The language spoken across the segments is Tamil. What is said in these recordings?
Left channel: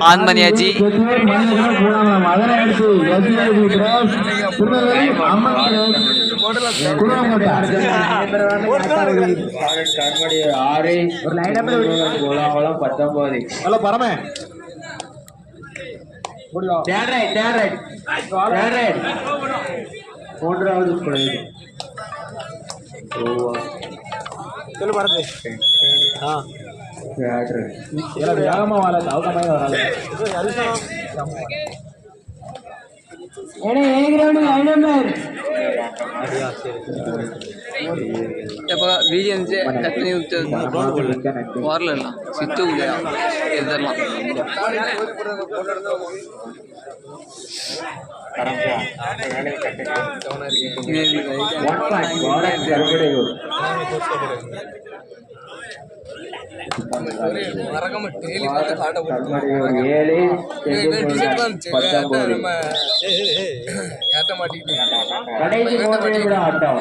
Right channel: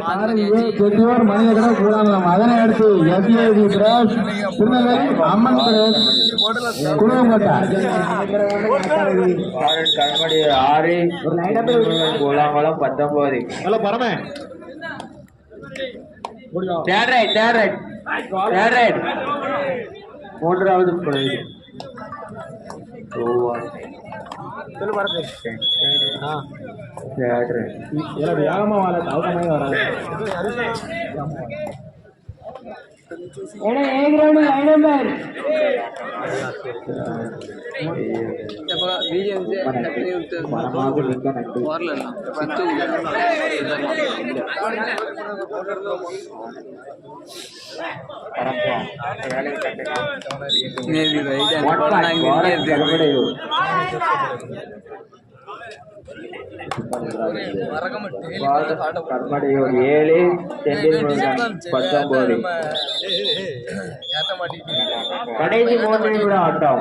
ஆன் பண்ணியாச்சு. ஆறு கோலாகலம் பத்தொன்பது பரமே. தேர்ட் பிழை தேர்ட் ரைட் வேகமா வராது அவசரமாக வராது எப்போ வீடியோ இருந்துச்சு டக்குனு விட்டு வரல சித்து இதெல்லாம் நேற்று ரைட் கண்மணி ஒரு ஏழு பத்தொன்பது கடைசி மூன்று ஆட்டம்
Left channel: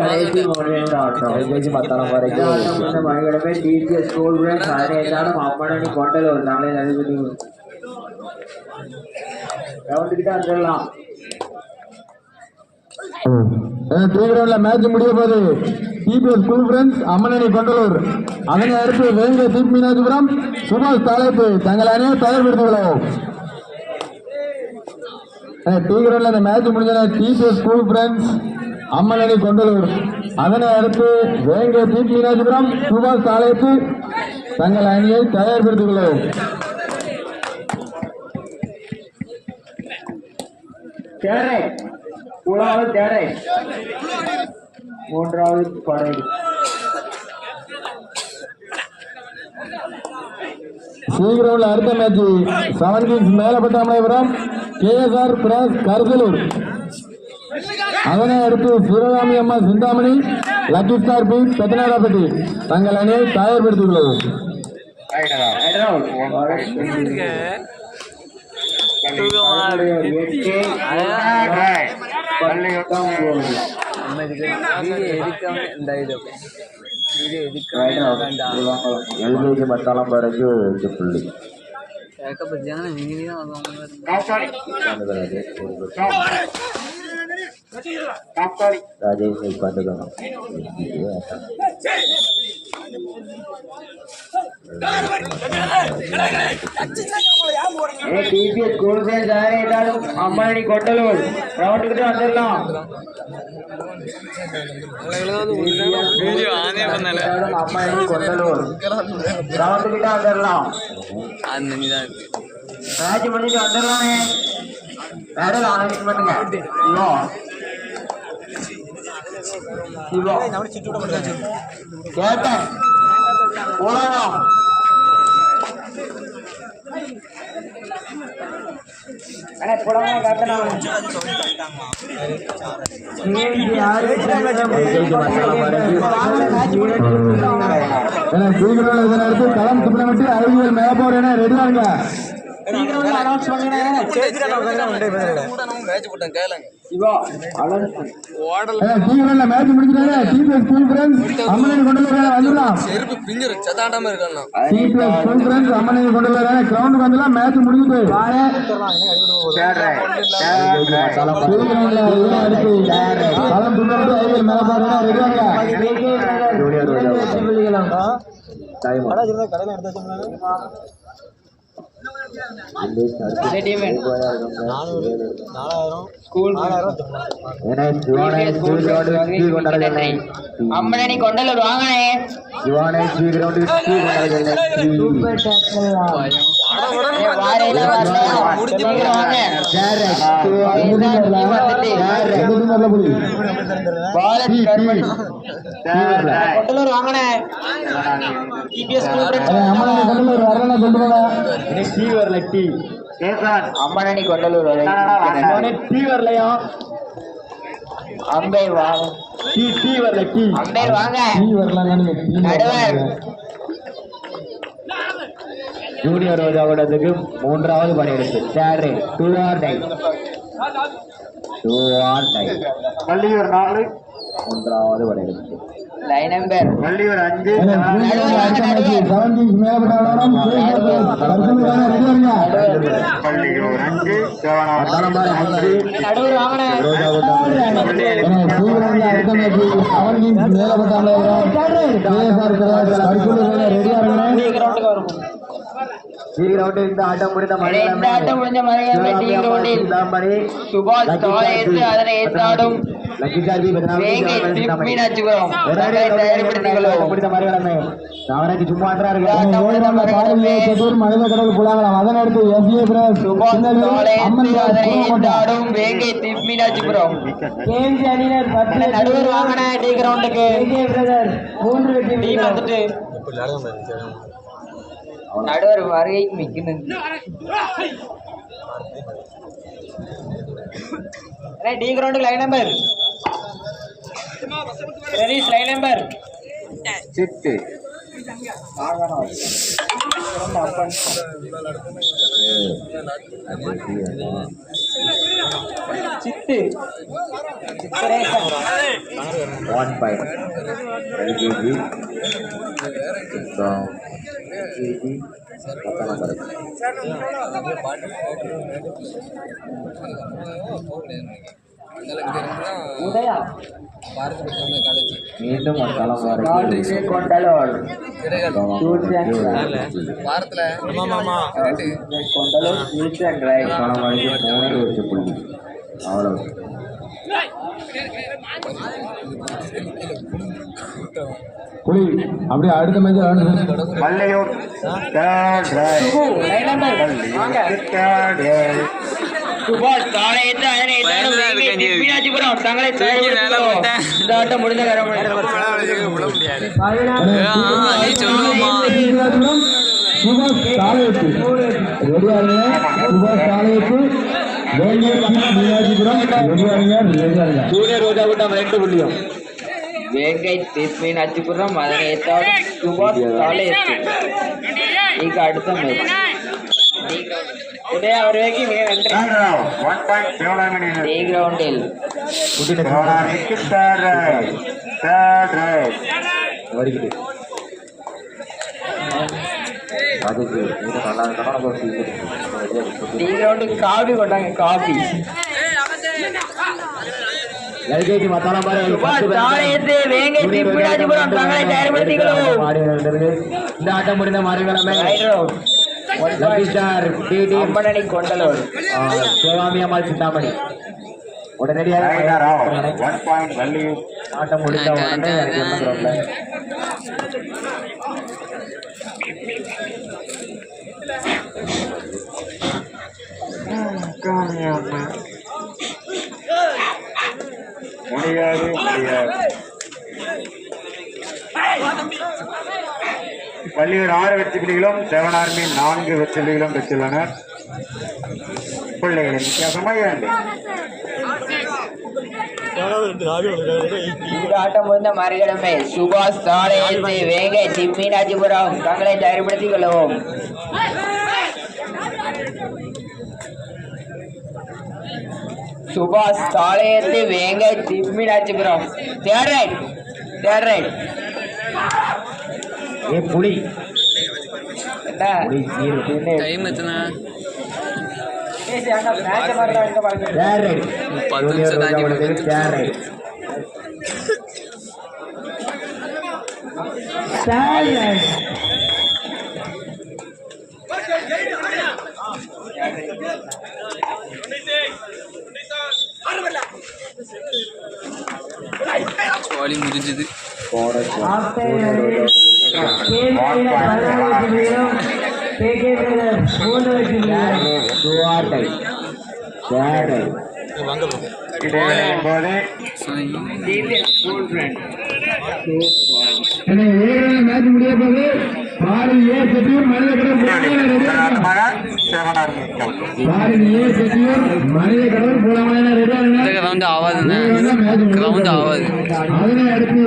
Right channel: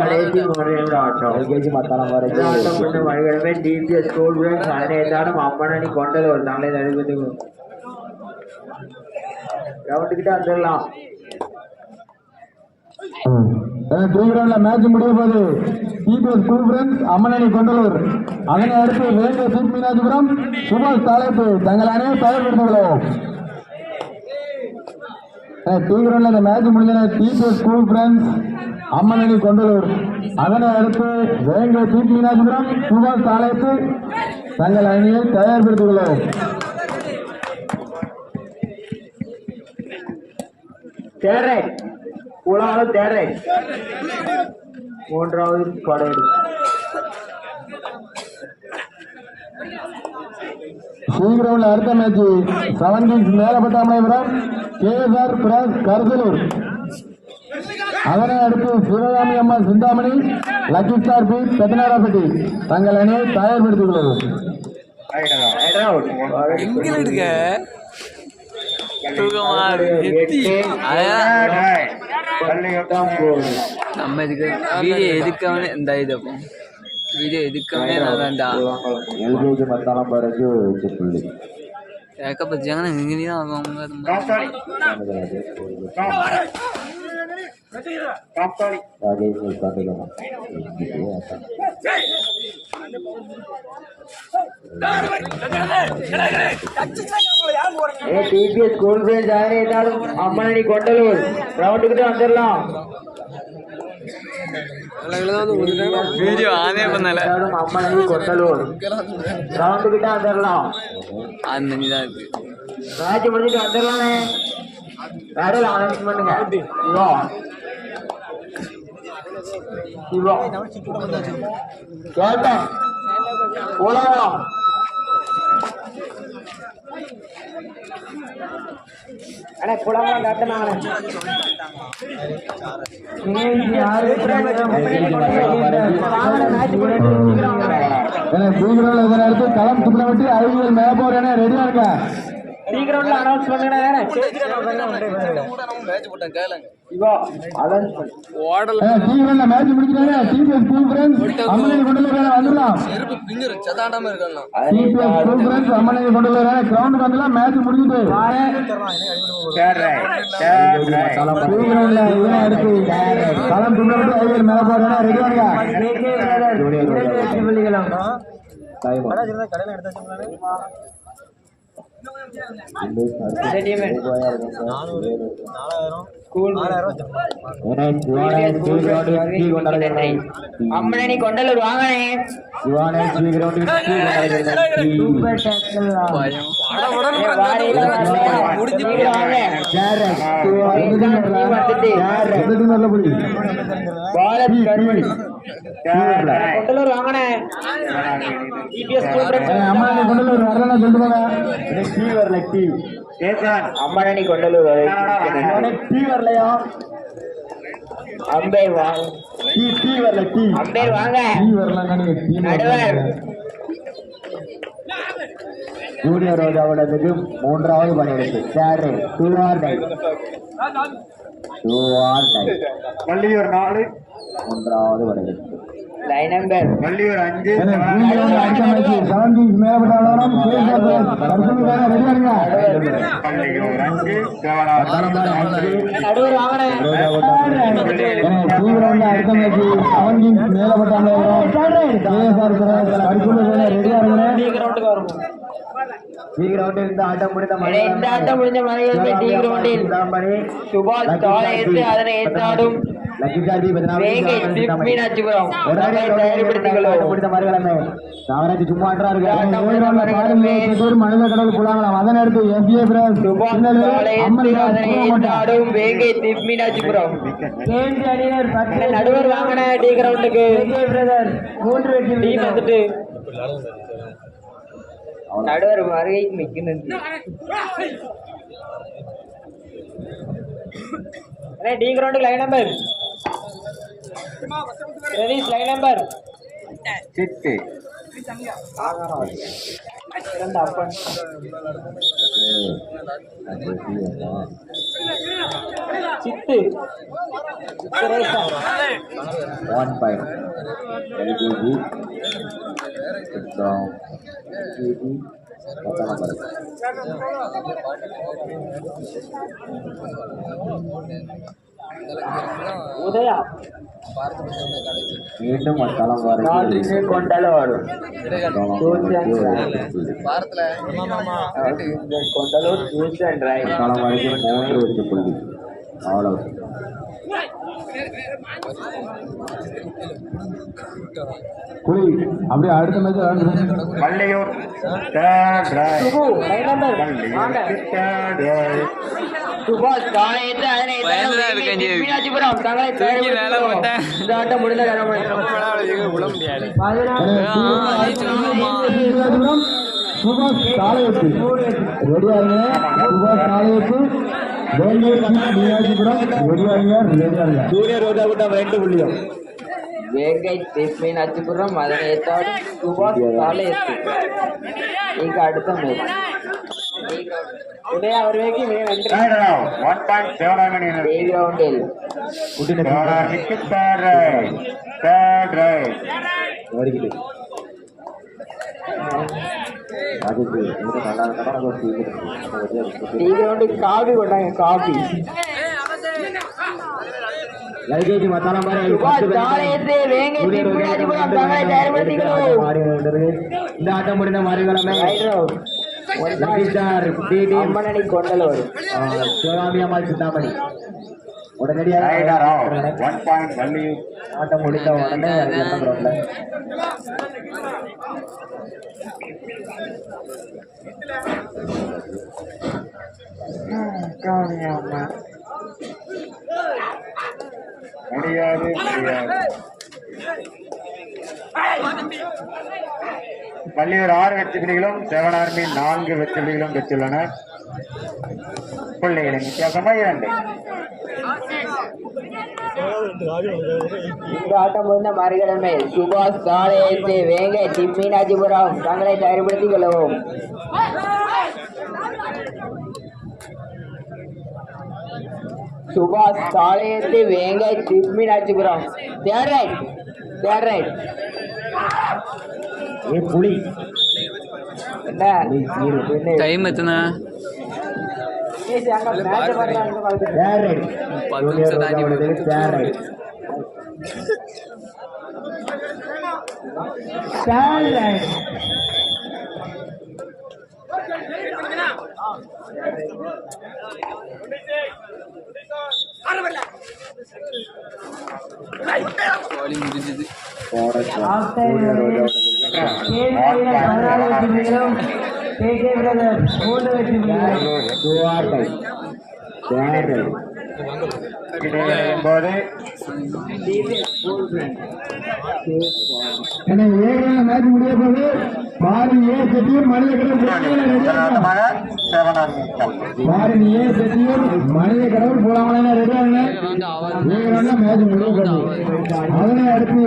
கடைசி ஆட்டம் எல்கேஜி வரைக்கும் மணிக்கிழமை டிபிஎஸ் ஸ்கூல் பிரான்ச் அனைத்தாலும் அம்மனி ஒரு நாளை நடைபெற்று வந்துடலாம் மேட்ச் முடிய போது டிபிஎஸ் ஸ்கூல் ஃப்ரெண்ட்ஸ் அம்மனணி கொண்டலூர். அதனை அடுத்து வேங்க தீப் மீனாஜிபுரம் சுபாஷ் தலைப்பு தங்கள் அனைவரும் தயார்படுத்தியுள்ளோம் டீகிரவுண்ட்ல அந்த மேட்ச் முடிஞ்ச டிபிஎஸ் ஸ்கூல் ஃப்ரெண்ட்ஸ் அம்மனணி கொண்டலூர். அதனை அடுத்து வேங்க தீப் மீனாஜிபுரம் சுபாஷ் தலைப்பு தங்கள் அணியை தயார்படுத்தியுள்ளோம் தேரை. மூணாவது தேரை. மூன்றாவது பரேடு சீக்கிரம்ல அடுத்த மேட்ச். செவன் கிங்ஸ் மேலப்பட்டாமலைபுரம் கேஎஸ்ஆர் பிராஸ் கருதலூர் அதனை அடுத்து சிவகாமி அம்மா சிந்தாமணி லக்கி ஸ்டார் பி. பெத்தனாரப்பட்டி தங்கள் அணியை எத்தி அதான் நம்ம இதுக்கு வீடியோ எதுக்காம இந்த இது வீடியோ எதுக்காமே வேண்டாம் எல்கேஜி மத்தாளம் பிறகு இது புள்ளி ஏக்கப்பட்டாங்கன்னா நீங்க தான் அவங்க ராஜேஷ் டிபிஎஸ் வந்துடலாம். வீடியோ ஆனே பண்ணல அம்மனடி இருக்கு மேட்ச் முடிஞ்சிட்டு வந்துடலாமே வேற அனௌன்ஸ் பண்ணுங்க சிவா சிவா கேப்டன் போலாம் அண்ணே அவன் சீக்கிரம் இதனை அடுத்து களம் சுப்பிரமட்டி அறிவியல் மேப்போர் என ரெடியா இருக்க சீக்கிரம் அனௌன்ஸ் பண்ணுங்க. Siva match DPS school friends அம்மனை கொண்டு வர வந்துடலாம் டிபிஎஸ் ஸ்கூல் ஃப்ரெண்ட்ஸ் அம்மனை கொண்டு வர கிரவுண்டுக்கு வந்துடலாம் மேட்ச் அடுத்து களம் என ரெடியா அம்மனி கொண்டலூர் வாங்கனே கொண்டலூர் வாங்கனே டிபிஎஸ் அம்மனி கொண்டலூர் அம்பேர் வாங்க அம்பேர் வாங்க. நடுவர். ஜூனியர் ரோஜாவோடதுக்கு மூன்றாவது பணியிடத்து சேரு do or die do or die Palliyur நாலு மூன்றாவது பணியிடத்து லைன் நம்பர் வள்ளியூர் அஞ்சு வள்ளியூர் அஞ்சு சுபாஷ் காலை அதனை ஏற்றாடும் வேங்கை திருப் மீனாட்சிபுரம் அவரை தயார்படுத்திக் கொள்வோம் முடிந்த மறுகிழமை அவனுக்கு சும்மா இந்த ஆட்டம் முடிந்த மலையாளமே மனித கடவுள் புலாங்கலாம் அதன் அடுத்து எஸ்ஏ வேங்கை மீனாட்சிபுரம் நடுவர் வாங்கின டி கிரவுண்டுக்கு மூன்று வெற்றி டீம் வந்துட்டு நடுவர் வருகைக்கு மிக்கணும் அண்ணே டி கிரவுண்டுக்கு line number readies line number சிட்டு சித்து சித்திரேசன் ஒன் பாயிண்ட் எல்கேஜி ஜிஜி பத்தாம் நம்பர் உதயா மீண்டும் ஒரு களம் வரைக்கும் மூன்று வெற்றி புள்ளி. அவ்வளவு. அப்படியே அடுத்த மேட்ச் வள்ளியூர் நீ சொல்லுவோமா சுபாஷ் சுபாஷ் வேலூர் ரோஜா கூட்டம் ரெண்டு புள்ளியும் வேங்கை திருப்பின் அச்சுபுரம் அதனை ஏற்றாடும் சுபாஷ் காலை ஏற்று ಈಗ அடுத்த மேட்ச் உதயா அவர்களுக்கு மிக நன்றி டே கிரவுண்டில் வருகிறது நல்லா இருக்கணும் காபி கொண்டாங்க காபி எல்கேஜி மத்தாலம் சுபாஷ் காலை ஏற்று வேங்கை திருப்பின் அச்சுபுரம் தங்களை தயார்படுத்திக் இந்த ஆட்டம் முடிந்த மறுகிழமை கொள்வோம் லக்கி ஸ்டார் டிடி அம்மனணி கொண்டலோடு சிவகாமி அம்மாள் சிந்தாமணி உடனடியாக ஆட்டம் முடிந்த உடனே என்ன கிடையாது முடியாது முடியாது ஆறு வெற்றி புலிகளும் செவன் ஆர்மி நான்கு வெற்றி புலிகளும் பெற்றுள்ளனர் பிள்ளைகளின் வித்தியாசமாக இரண்டு இந்த ஆட்டம் முடிந்த மறுகிழமை சுபாஷ் காலை ஏற்று வேங்கை திம்மீனாட்சிபுரம் தங்களை தயார்படுத்திக் கொள்ளவும் சுபாஷ் ஏற்று வேங்கை திம்மீனாட்சிபுரம் third right third right A புலி. டைம் எத்தனை? பத்து நிமிஷம் தாண்டி விடுது. ஜாலி முடிஞ்சது மேட்ச் முடிய போது பாரி ஏ செட்டியூர் மனித அதனை அடுத்து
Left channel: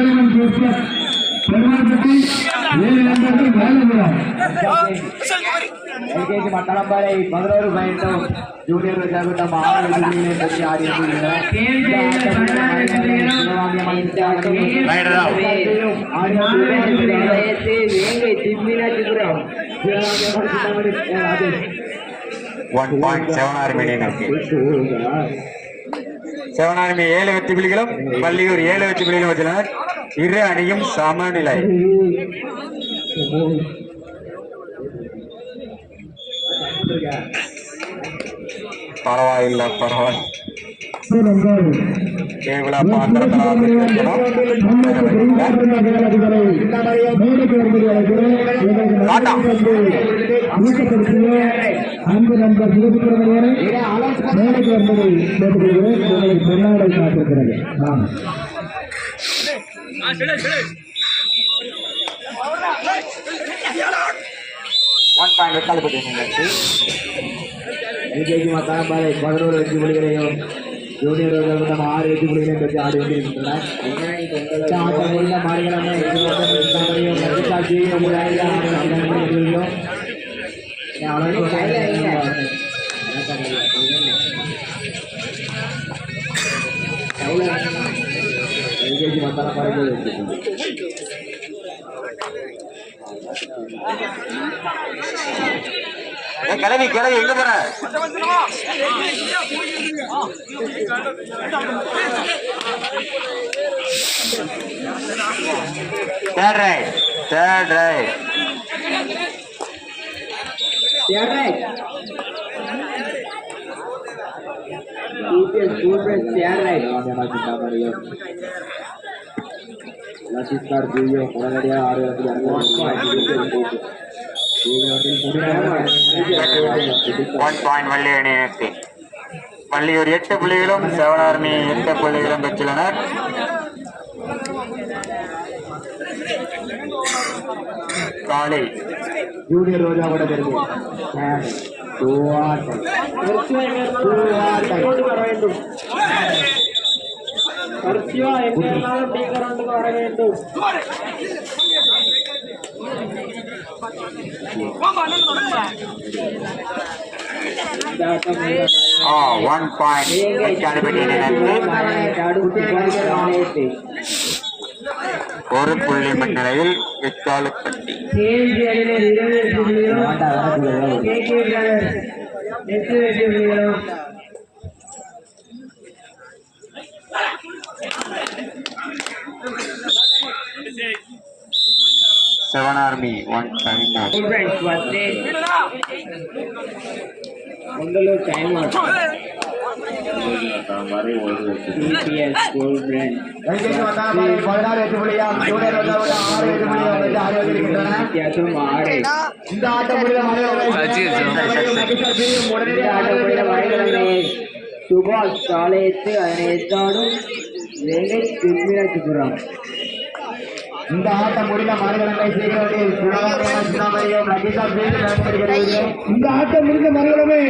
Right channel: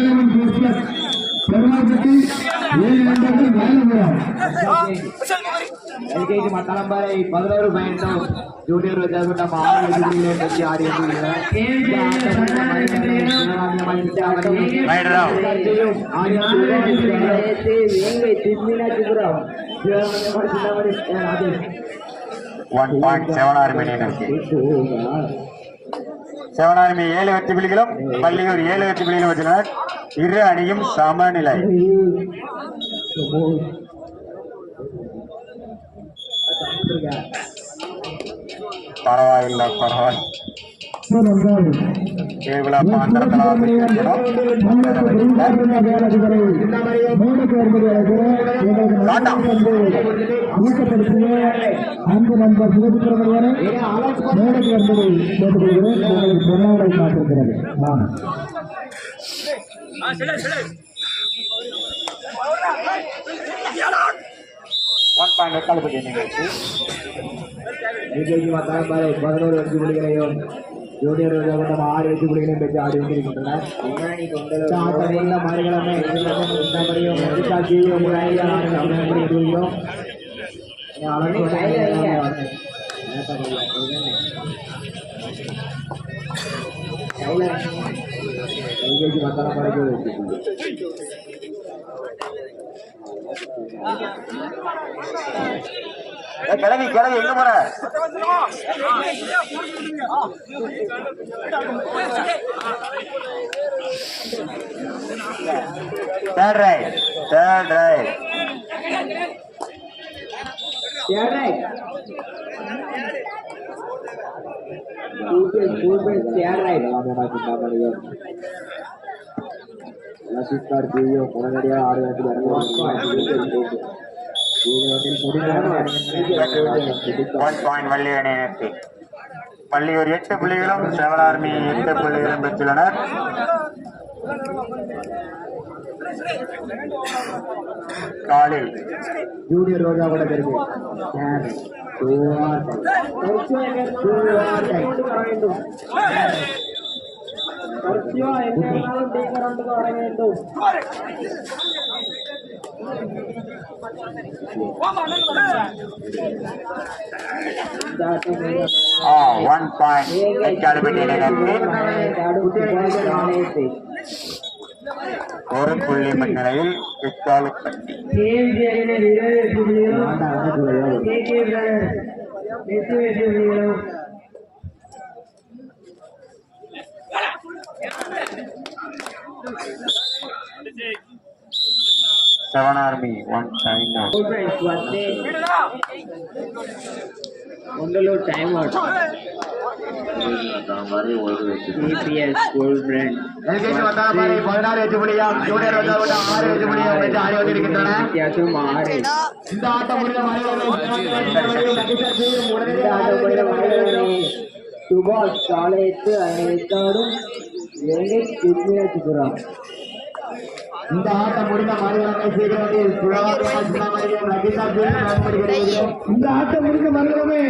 செவன் கிறிஸ்தர் பெருமாள்பட்டி ஏழு நண்பர்கள் மேலபுரம் எல்கேஜி மத்தளம்பாறை பதினோரு பாயிண்டும் ஜூனியர் விஜயகுண்டம் ஆறு வெற்றிகளை பற்றி ஆடி ஒன் பாயிண்ட் செவன் ஆறு சிவனார்மி ஏழு வெற்றி புள்ளிகளும் பள்ளியூர் ஏழு வெற்றி புள்ளிகளும் வச்சுள்ளனர் இரு அணியும் சமநிலை. பரவாயில்ல பரவாயில்ல. கேவல அன்பு நண்பர் சிவசுப்பிரமணியனை மேடைக்கு வந்ததை கேட்டுக்கொள்கிறேன் உங்களுக்கு பொன்னாடை காத்திருக்கிறது ஆமாம் ஒன் பதினோரு வெற்றி புள்ளிகளையும் ஜூனியர் விஜயகுண்டம் ஆறு வெற்றி புள்ளிகளையும் பெற்று ஆடி ஆட்டம் உள்ள மாறுகிழமை வெற்றி புள்ளி ஏய், கிளவி கிளவி எங்க போற? Third right third one point Valli அணி எட்டு. வள்ளியூர் எட்டு புள்ளிகளும் செவன் ஆர்மி எட்டு புள்ளிகளும் பெற்றுள்ளனர். காலை ஜூனியர் ரோஜா கூட தெரியும். வர வேண்டும் ஆ ஒன் பாயிண்ட் வெக்காலுப்பட்டி நிலையத்தில் ஒரு புள்ளி முன்னிலையில் வெக்காலுப்பட்டி செவன் ஆர்மி ஒன் பாயிண்ட் ஒண்டலூர் டைம் அவுட் ஸ்கூல் பிராண்ட் வித்தியாசம் ஆறு இந்த ஆட்டம் முடிந்த சுபாஷ் சாலையத்து அதனை எத்தாடும் இலங்கை திருமிராஜபுரம் இந்த ஆட்டம் முடிந்த மறுகலனை சீக்கிரத்தில் இந்த ஆட்டம் முடிந்த மறுகலமே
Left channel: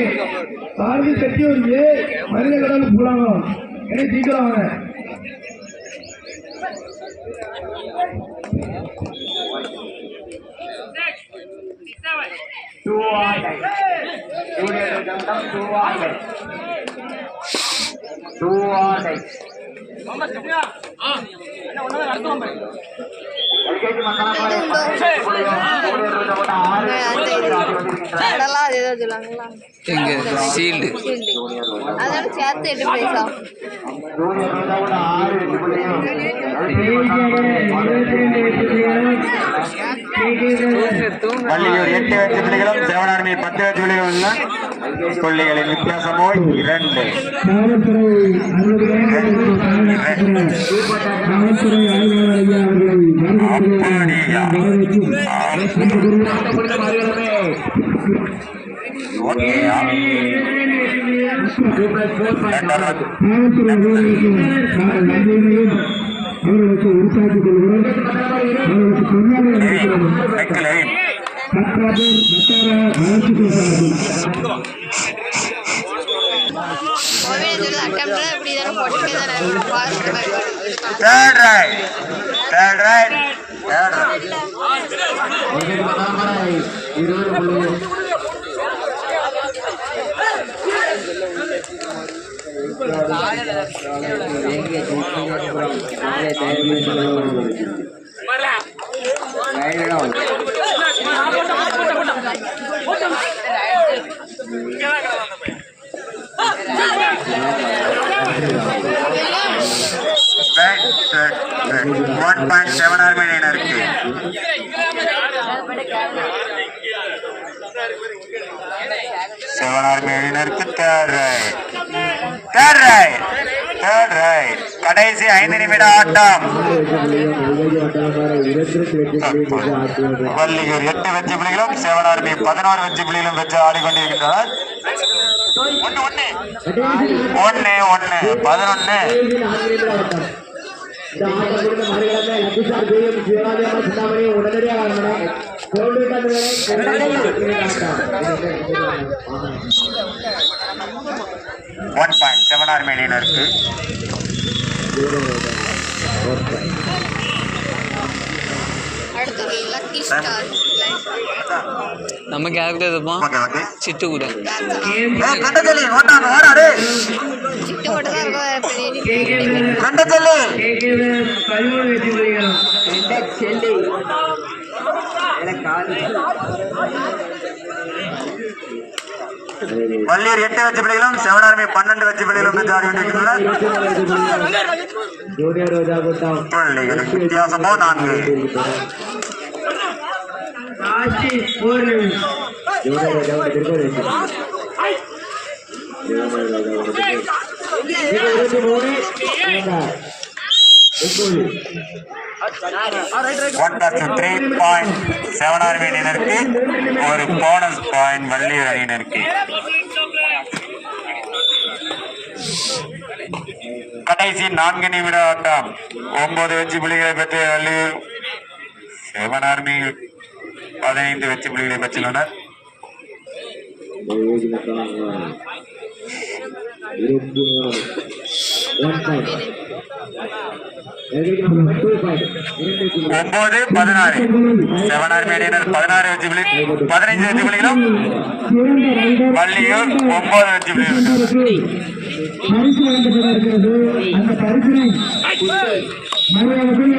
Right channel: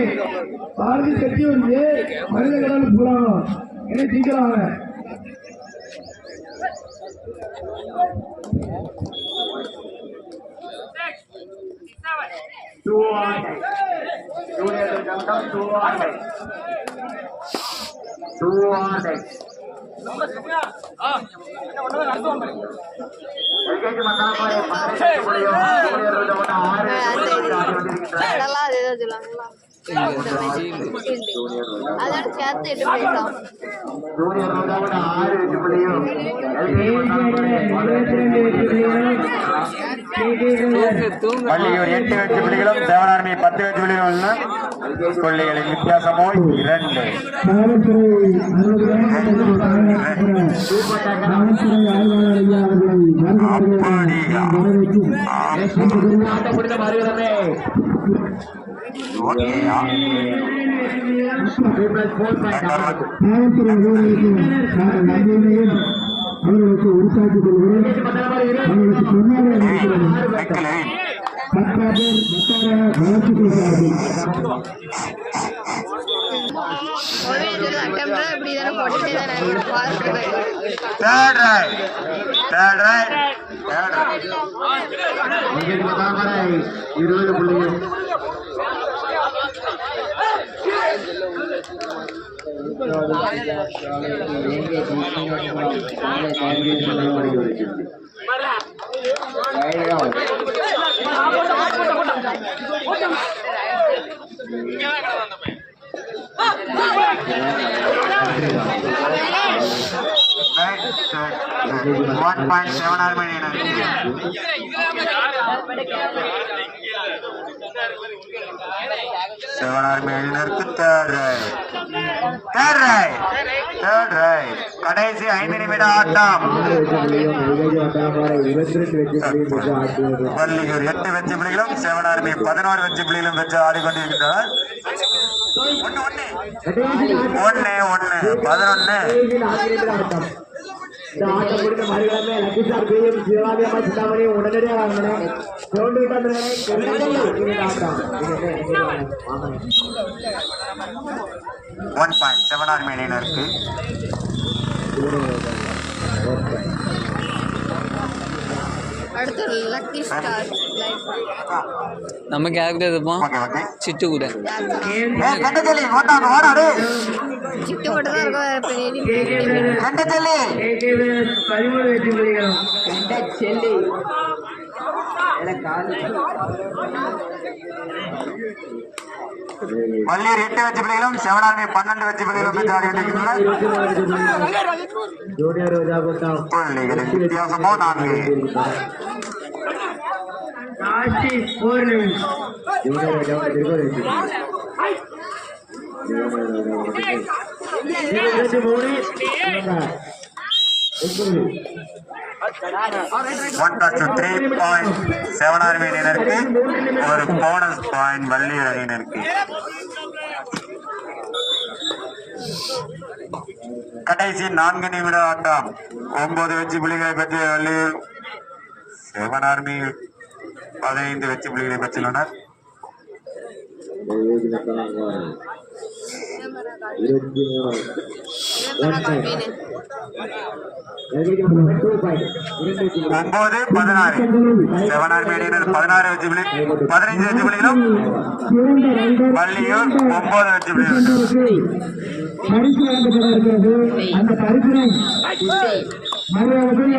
பாரதி செட்டியூர் ஏ மனித கடவுள் புலாங்கம் என்ன சீக்கிரம் வாங்க அதெல்லாம் அதே தான் சொல்லுவாங்களா எங்க ஷீல்டு அதோட சேர்த்து எட்டு பள்ளியூர் எட்டு வெற்றி புள்ளிகளும் செவனார்மி பத்து வெற்றி புள்ளிகளும் புள்ளிகளின் வித்தியாசமோ இரண்டு காவல்துறை காவல்துறை ஆய்வாளர் ஐயா அவர்களை வரவேற்று காவல்துறை நன்றியினையும் அவர்களுக்கு உறுத்தாக்கிக் கொள்கிறோம் அவர்களுக்கு பொன்னாடி இருக்கிறது வெக்கலை பத்தாபேர் பத்தார வளர்ச்சி போட்டுட்டே தானே இருக்கணும் fast third right third right third right இருபது புள்ளிகள் ஒன் பாயிண்ட் செவன் ஆறு மணி இருக்கு செவன் ஆறு மணி இருக்கு தேர்ட் ரைட் தேர்ட் ரைட் கடைசி ஐந்து நிமிட ஆட்டம். வள்ளியூர் எட்டு வெற்றி புள்ளிகளும் செவன் ஆர்மி பதினோரு வெற்றி புள்ளிகளும் பெற்று ஆடிக்கொண்டிருக்கின்றனர். ஒன்னு ஒன்னு பதினொன்னு உடனடியாக ஒன் பாயிண்ட் செவன் ஆர் மணி இருக்கு. அடுத்து லக்கி ஸ்டார் நம்ம கேரக்டர் இருப்போம் ஓகே ஓகே. சிட்டு கூட. கண்டச்சொல்லி ஓட்டான் ஓடாடு சிட்டு மட்டும் தான் இருக்கும் செல்லி காலி. வள்ளியூர் எட்டு வெற்றி பிள்ளைகளும் செவன் ஆர்மி பன்னெண்டு வெற்றி பிள்ளைகளும் பெற்று ஆடிக்கொண்டிருக்கின்றனர் வித்தியாசமோ நான்கு. இருபத்தி மூணு one plus two three point seven army அணியினருக்கு ஒரு போனஸ் பாயிண்ட் வள்ளியூர் அணியினருக்கு கடைசி நான்கு நிமிட ஆட்டம் ஒன்பது வெற்றி புள்ளிகளை பெற்ற வள்ளியூர் செவன் ஆர்மி பதினைந்து வெற்றி புள்ளிகளை பெற்றுள்ளனர் இருபத்தி மூணு ஒன் பாயிண்ட் டூ பாயிண்ட் இரண்டு ஒன்பது பதினாறு. செவன் ஆர்மி பதினாறு வெற்றி புள்ளி பதினைந்து வெற்றி புள்ளிகளும் வள்ளியூர் ஒன்பது வெற்றி புள்ளிகளும் பரிசு வழங்கப்பட இருக்கிறது அந்த பரிசினை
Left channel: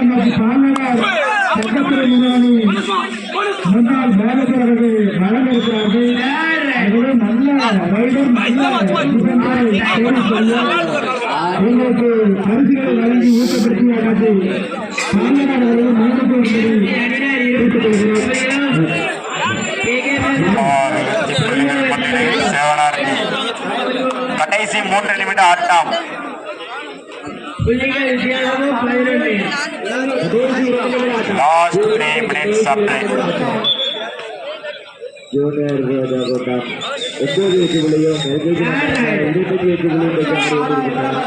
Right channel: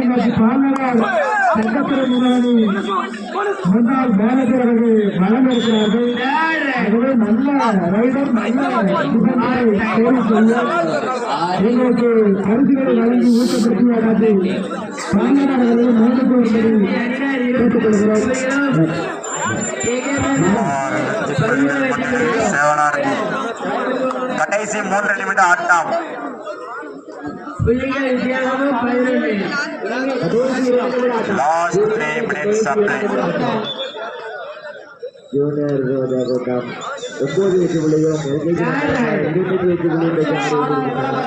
நமது பாலனார் சட்டத்துறை முன்னாள் அவர்கள் வழங்க இருக்கிறார்கள் எங்களுக்கு பரிசுகளை வழங்கி வரும்படி கேட்டுக்கொள்கிறோம் சேவனார்மி கடைசி மூன்று நிமிட ஆட்டம் புள்ளிகள் வித்தியாசமும் பதினொன்று last three minutes supply junior கூட்டம் ஒன்பது வெற்றி புள்ளியும் எல்கேஜி இருபத்தஞ்சு வெற்றி புள்ளியும் பெற்று ஆடிக்கொண்டிருக்கிறார்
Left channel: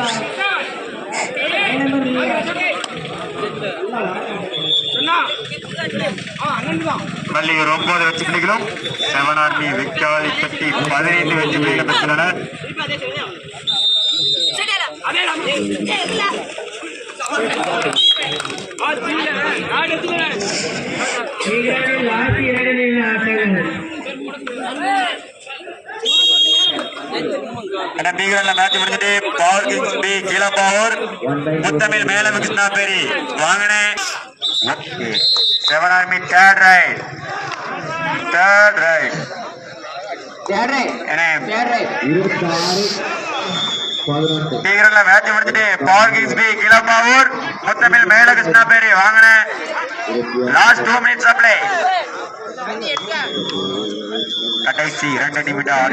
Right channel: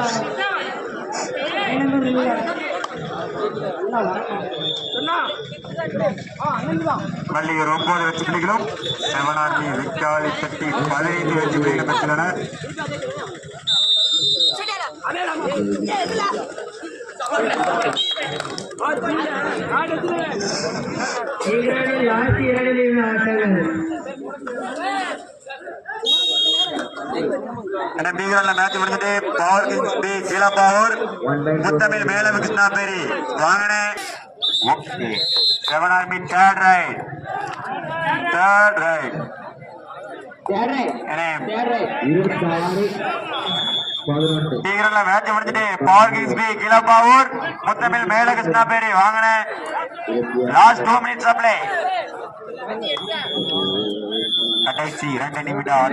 வள்ளியூர் ஒன்பது வெற்றி புள்ளிகளும் செவனார்மி விக்காலி கட்டி பதினைந்து வெற்றி புள்ளிகளும் பெற்றுள்ளனர் ஆட்டங்கள் பீகர்ல மேட்ச் முடிஞ்சிட்டு பவர் கிங்ஸ் பி கீழ பவர் முத்தமிழ் மேலம் கிருஷ்ணாபேரி வாங்கினே seven army third right third right match முடிஞ்சிட்டு பவர் கிங்ஸ் பி கீழ பவர் முத்தமிழ் மேல கிருஷ்ணாபேரி வாங்கினே இருபத்தி லாஸ்ட் டூ மினிட்ஸ் அப்ளை கடைசி இரண்டு நிமிடம்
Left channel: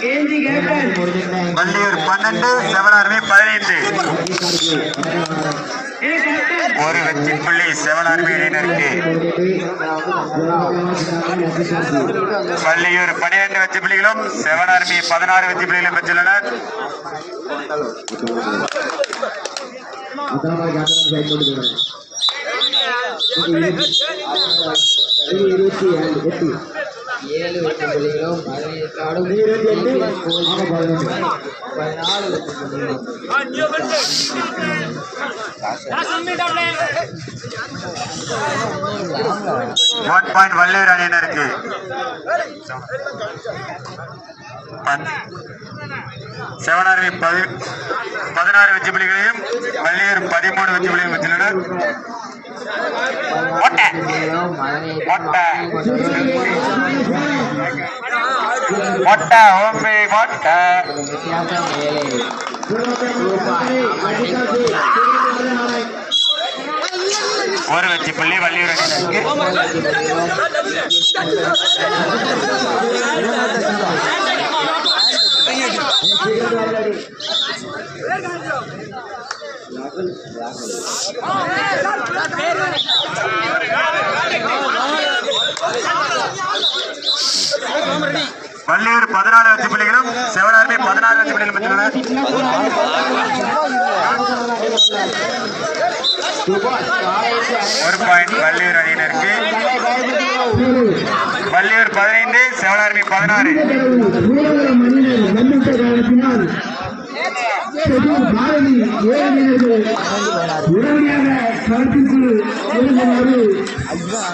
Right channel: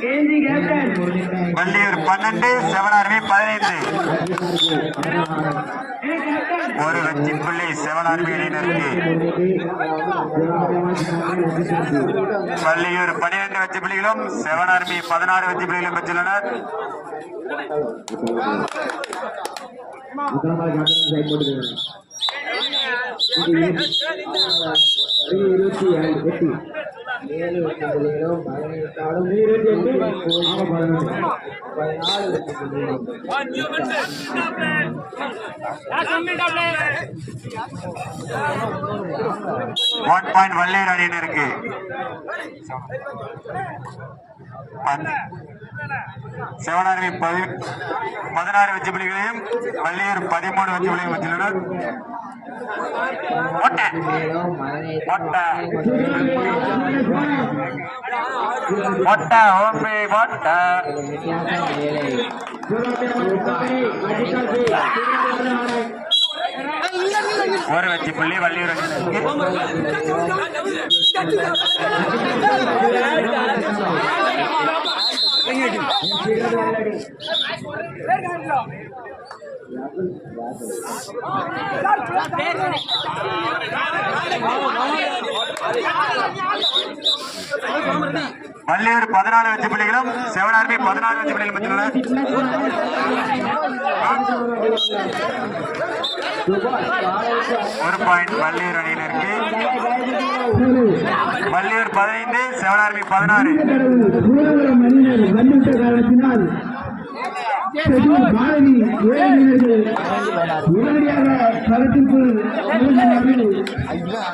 கேஜி கேப்டன் வள்ளியூர் பன்னெண்டு செவனாருமே பதினைந்து. ஒரு வெற்றி புள்ளி செவனாருமே அணியினருக்கு வள்ளியூர் பனிரெண்டு வெற்றி புள்ளிகளும் செவனாருமே பதினாறு வெற்றி புள்ளிகளும் பெற்றுள்ளனர் இருபத்தி ஏழு எட்டு ஏழு வெற்றி புள்ளிகளும் பதினைந்து ஆடும் இருபத்தி பதினாலு புள்ளிகளும் ஒன் பாயிண்ட் வள்ளியூர் அணியினருக்கு செவனார்மி பதி பதினாறு வெற்றி புள்ளிகளையும் வள்ளியூர் பதிமூணு வெற்றி புள்ளிகளையும் பெற்றுள்ளனர் ஒட்டை, ஓம்பே, ஒட்டை. ஒரு வச்சு புள்ளி வள்ளியூர் அணியினருக்கு வள்ளியூர் பதினாறு வெற்றி பிள்ளைகளும் சிவனார்மி பதினாறு வெற்றி பிள்ளைகளும் பெற்றுள்ளனர் ஒரு பாயிண்ட் வள்ளியூர் அணியினருக்கு. வள்ளியூர் பதினைந்து சிவனார்மி பதினாறு. பாரதி ஏழையினர்கள் உடனடியாக களத்திற்குள் நுழைந்தவாறு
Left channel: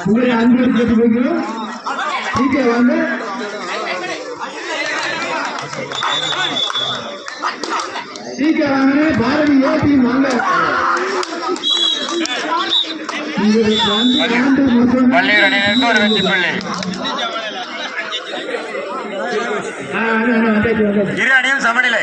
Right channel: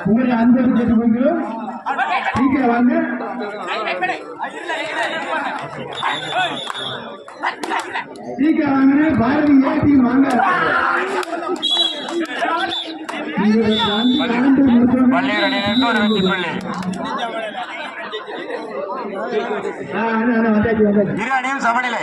உங்களை அன்பு கேட்டுக்கொள்கிறோம் வாங்க சீக்கிரம் வாங்க பாரதி ஏற்றி வாங்க உங்களுக்கு வந்து ஆண்டு மற்றும் வள்ளியூர் அணியினருக்கு ஒரு வெற்றி புள்ளி ஆ, ஆ, பாரதி ஏபி வந்தாச்சு. இரு அணியும் சமநிலை